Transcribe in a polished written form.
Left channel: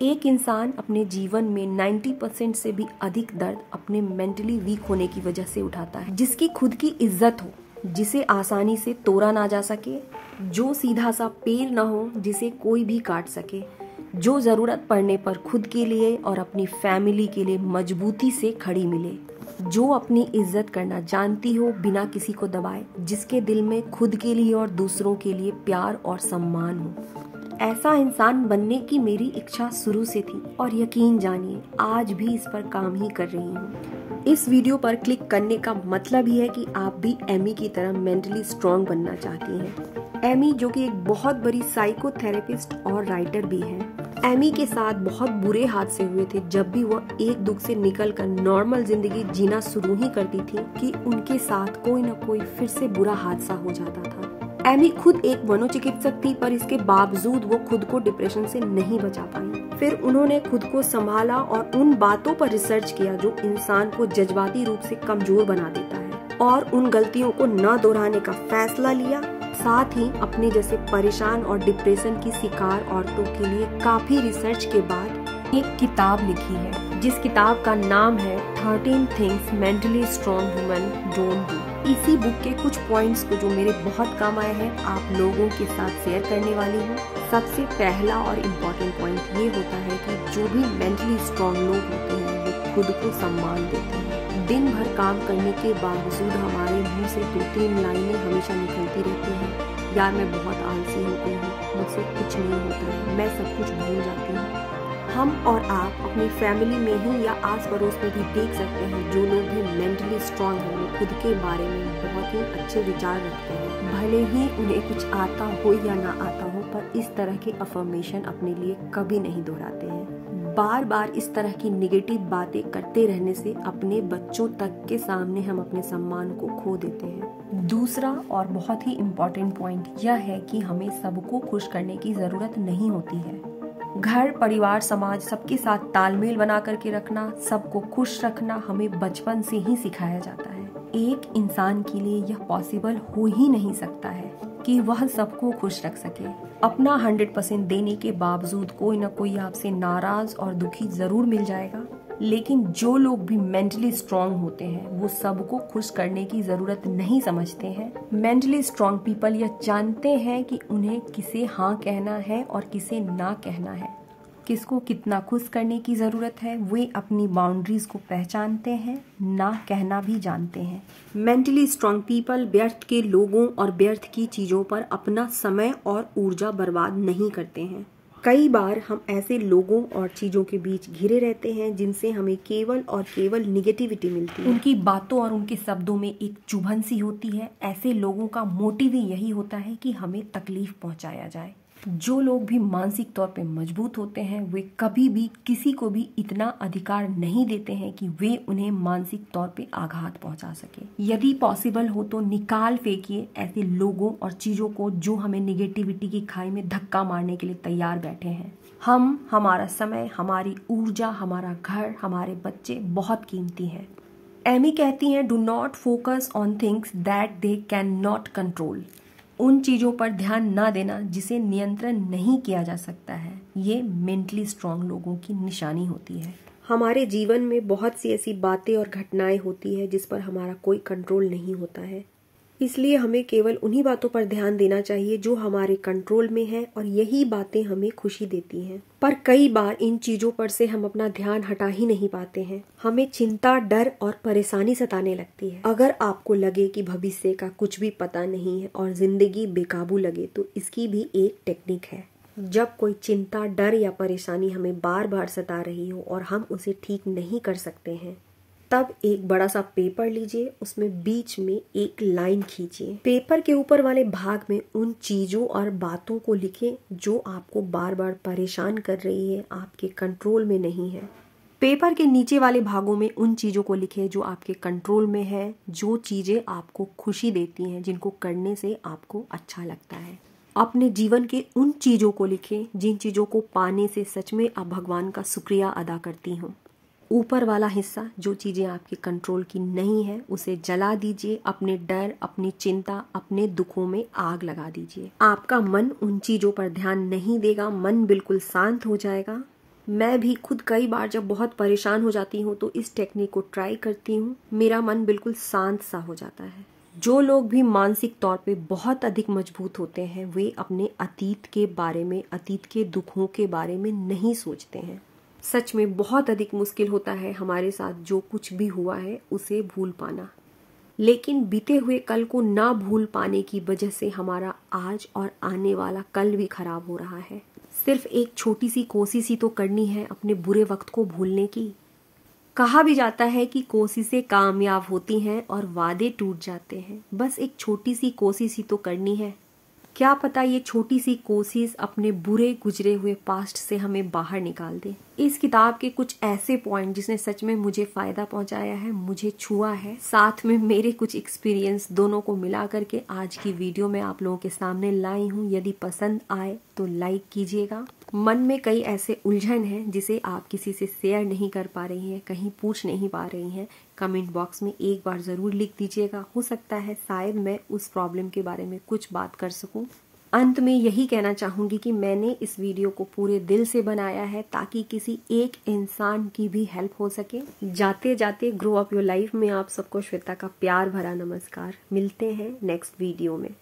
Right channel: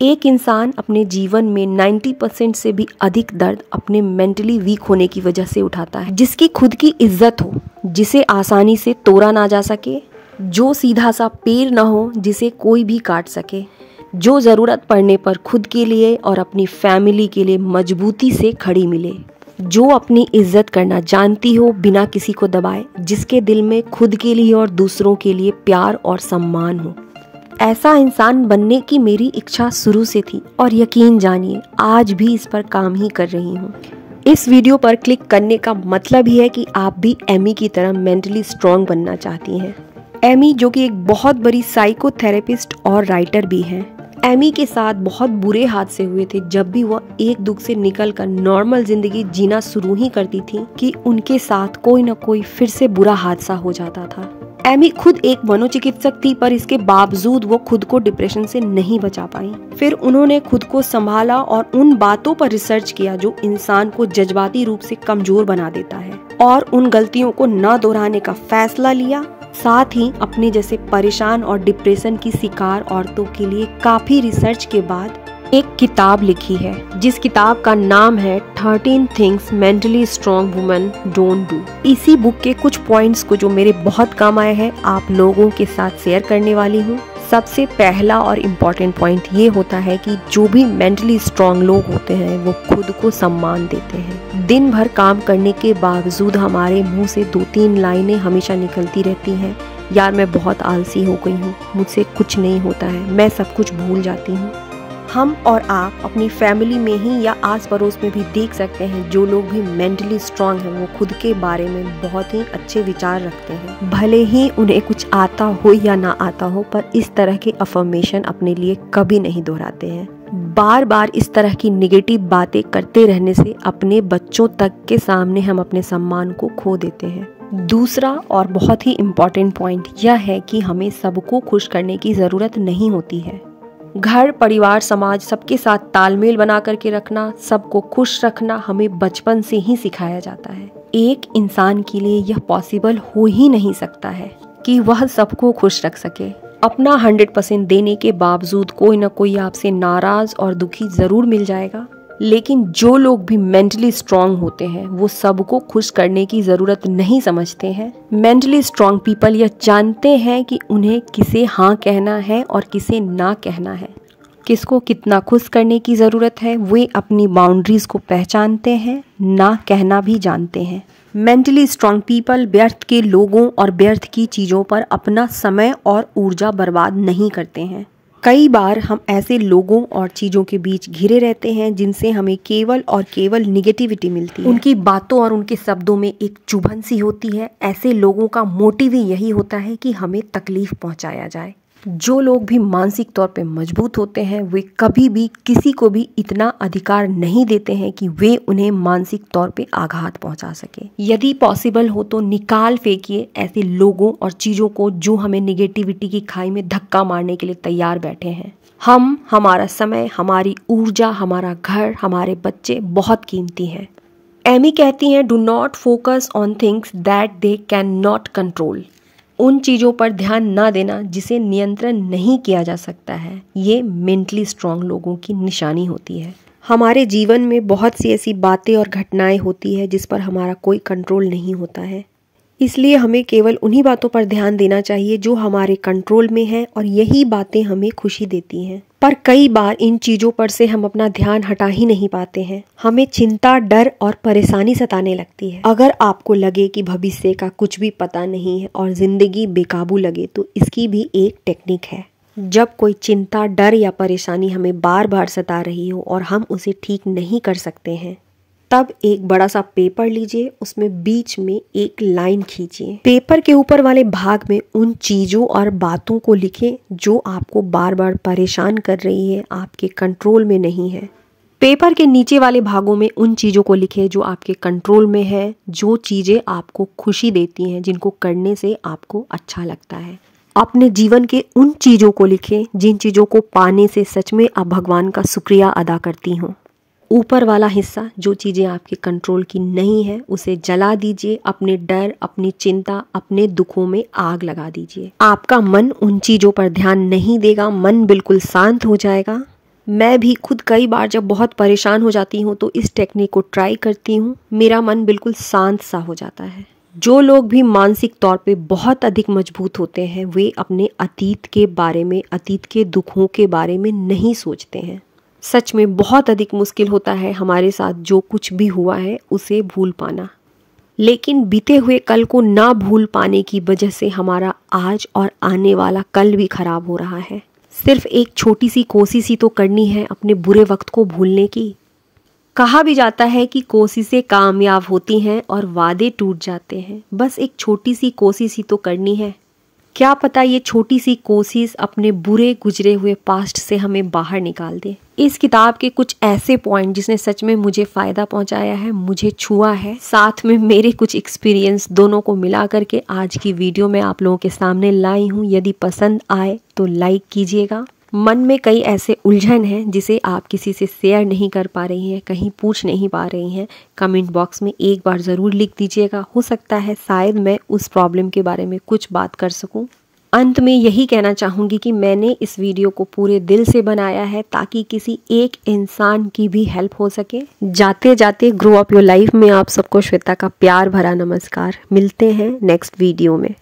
एक इंसान अपने जीवन में 90% से भी अधिक दर्द अपने मेंटली वीक होने की वजह से उठाता है। जिसकी खुद की इज्जत हो, जिसे आसानी से तोड़ा ना जा सके, जो सीधा सा पैर ना हो जिसे कोई भी काट सके, जो ज़रूरत पड़ने पर खुद के लिए और अपनी फैमिली के लिए मजबूती से खड़ी मिले, जो अपनी इज्जत करना जानती हो बिना किसी को दबाए, जिसके दिल में खुद के लिए और दूसरों के लिए प्यार और सम्मान हो। ऐसा इंसान बनने की मेरी इच्छा शुरू से थी और यकीन जानिए आज भी इस पर काम ही कर रही हूँ। इस वीडियो पर क्लिक करने का मतलब ही है कि आप भी एमी की तरह मेंटली स्ट्रॉन्ग बनना चाहती हैं। एमी जो कि एक बहुत बड़ी साइकोथेरेपिस्ट और राइटर भी है। एमी के साथ बहुत बुरे हादसे हुए थे जब भी वह एक दुख से निकलकर नॉर्मल जिंदगी जीना शुरू ही करती थी कि उनके साथ कोई न कोई फिर से बुरा हादसा हो जाता था। एमी खुद एक मनोचिकित्सक थी, पर इसके बावजूद वो खुद को डिप्रेशन से नहीं बचा पाई। फिर उन्होंने खुद को संभाला और उन बातों पर रिसर्च किया जो इंसान को जज्बाती रूप से कमजोर बना देता है, और उन गलतियों को न दोहराने का फैसला लिया। साथ ही अपने जैसे परेशान और डिप्रेशन की शिकार औरतों के लिए काफी रिसर्च के बाद एक किताब लिखी है, जिस किताब का नाम है 13 things mentally strong women don't do. इसी बुक के कुछ पॉइंट्स को जो मेरे बहुत काम आए हैं आप लोगों के साथ शेयर करने वाली हूँ। सबसे पहला और इम्पोर्टेंट पॉइंट ये होता है कि जो भी मेंटली स्ट्रॉन्ग लोग होते हैं वो खुद को सम्मान देते हैं। दिन भर काम करने के बावजूद हमारे मुंह से 2-3 लाइनें हमेशा निकलती रहती हैं, यार मैं बहुत आलसी हो गई हूँ, मुझसे कुछ नहीं होता है, मैं सब कुछ भूल जाती हूँ। हम और आप अपनी फैमिली में ही या आस पड़ोस में भी देख सकते हैं जो लोग भी मेंटली स्ट्रॉन्ग हैं वो खुद के बारे में बहुत ही अच्छे विचार रखते हैं। भले ही उन्हें कुछ आता हो या ना आता हो, पर इस तरह के अफर्मेशन अपने लिए कभी नहीं दोहराते हैं। बार बार इस तरह की नेगेटिव बातें करते रहने से अपने बच्चों तक के सामने हम अपने सम्मान को खो देते हैं। दूसरा और बहुत ही इम्पोर्टेंट पॉइंट यह है कि हमें सबको खुश करने की ज़रूरत नहीं होती है। घर, परिवार, समाज सबके साथ तालमेल बना करके रखना, सबको खुश रखना हमें बचपन से ही सिखाया जाता है। एक इंसान के लिए यह पॉसिबल हो ही नहीं सकता है कि वह सबको खुश रख सके। अपना 100% देने के बावजूद कोई ना कोई आपसे नाराज और दुखी जरूर मिल जाएगा। लेकिन जो लोग भी मेंटली स्ट्रॉन्ग होते हैं वो सबको खुश करने की ज़रूरत नहीं समझते हैं। मेंटली स्ट्रॉन्ग पीपल यह जानते हैं कि उन्हें किसे हाँ कहना है और किसे ना कहना है, किसको कितना खुश करने की ज़रूरत है। वे अपनी बाउंड्रीज को पहचानते हैं, ना कहना भी जानते हैं। मेंटली स्ट्रॉन्ग पीपल व्यर्थ के लोगों और व्यर्थ की चीज़ों पर अपना समय और ऊर्जा बर्बाद नहीं करते हैं। कई बार हम ऐसे लोगों और चीज़ों के बीच घिरे रहते हैं जिनसे हमें केवल और केवल निगेटिविटी मिलती है। उनकी बातों और उनके शब्दों में एक चुभन सी होती है। ऐसे लोगों का मोटिव ही यही होता है कि हमें तकलीफ पहुंचाया जाए। जो लोग भी मानसिक तौर पे मजबूत होते हैं वे कभी भी किसी को भी इतना अधिकार नहीं देते हैं कि वे उन्हें मानसिक तौर पे आघात पहुंचा सके। यदि पॉसिबल हो तो निकाल फेंकिए ऐसे लोगों और चीज़ों को जो हमें निगेटिविटी की खाई में धक्का मारने के लिए तैयार बैठे हैं। हमारा समय, हमारी ऊर्जा, हमारा घर, हमारे बच्चे बहुत कीमती हैं। एमी कहती हैं, do not focus on things that they can not control. उन चीज़ों पर ध्यान ना देना जिसे नियंत्रण नहीं किया जा सकता है, ये मेंटली स्ट्रॉन्ग लोगों की निशानी होती है। हमारे जीवन में बहुत सी ऐसी बातें और घटनाएं होती है जिस पर हमारा कोई कंट्रोल नहीं होता है, इसलिए हमें केवल उन्हीं बातों पर ध्यान देना चाहिए जो हमारे कंट्रोल में है और यही बातें हमें खुशी देती हैं। पर कई बार इन चीज़ों पर से हम अपना ध्यान हटा ही नहीं पाते हैं। हमें चिंता, डर और परेशानी सताने लगती है। अगर आपको लगे कि भविष्य का कुछ भी पता नहीं है और जिंदगी बेकाबू लगे तो इसकी भी एक टेक्निक है। जब कोई चिंता, डर या परेशानी हमें बार बार सता रही हो और हम उसे ठीक नहीं कर सकते हैं, तब एक बड़ा सा पेपर लीजिए, उसमें बीच में एक लाइन खींचिए। पेपर के ऊपर वाले भाग में उन चीज़ों और बातों को लिखें जो आपको बार बार परेशान कर रही है, आपके कंट्रोल में नहीं है। पेपर के नीचे वाले भागों में उन चीज़ों को लिखें जो आपके कंट्रोल में है, जो चीज़ें आपको खुशी देती हैं, जिनको करने से आपको अच्छा लगता है। अपने जीवन के उन चीज़ों को लिखें जिन चीज़ों को पाने से सच में आप भगवान का शुक्रिया अदा करती हों। ऊपर वाला हिस्सा जो चीज़ें आपके कंट्रोल की नहीं है उसे जला दीजिए। अपने डर, अपनी चिंता, अपने दुखों में आग लगा दीजिए। आपका मन उन चीज़ों पर ध्यान नहीं देगा, मन बिल्कुल शांत हो जाएगा। मैं भी खुद कई बार जब बहुत परेशान हो जाती हूँ तो इस टेक्निक को ट्राई करती हूँ। मेरा मन बिल्कुल शांत सा हो जाता है। जो लोग भी मानसिक तौर पे बहुत अधिक मजबूत होते हैं वे अपने अतीत के बारे में, अतीत के दुखों के बारे में नहीं सोचते हैं। सच में बहुत अधिक मुश्किल होता है हमारे साथ जो कुछ भी हुआ है उसे भूल पाना। लेकिन बीते हुए कल को ना भूल पाने की वजह से हमारा आज और आने वाला कल भी खराब हो रहा है। सिर्फ एक छोटी सी कोशिश ही तो करनी है अपने बुरे वक्त को भूलने की। कहा भी जाता है कि कोशिशें कामयाब होती हैं और वादे टूट जाते हैं। बस एक छोटी सी कोशिश ही तो करनी है। क्या पता ये छोटी सी कोशिश अपने बुरे गुजरे हुए पास्ट से हमें बाहर निकाल दे। इस किताब के कुछ ऐसे पॉइंट जिसने सच में मुझे फ़ायदा पहुंचाया है, मुझे छुआ है, साथ में मेरे कुछ एक्सपीरियंस, दोनों को मिला करके आज की वीडियो में आप लोगों के सामने लाई हूँ। यदि पसंद आए तो लाइक कीजिएगा। मन में कई ऐसे उलझन हैं जिसे आप किसी से शेयर नहीं कर पा रही हैं, कहीं पूछ नहीं पा रही हैं, कमेंट बॉक्स में एक बार ज़रूर लिख दीजिएगा। हो सकता है शायद मैं उस प्रॉब्लम के बारे में कुछ बात कर सकूं। अंत में यही कहना चाहूँगी कि मैंने इस वीडियो को पूरे दिल से बनाया है ताकि किसी एक इंसान की भी हेल्प हो सके। जाते जाते ग्रो अप योर लाइफ में आप सबको श्वेता का प्यार भरा नमस्कार। मिलते हैं नेक्स्ट वीडियो में।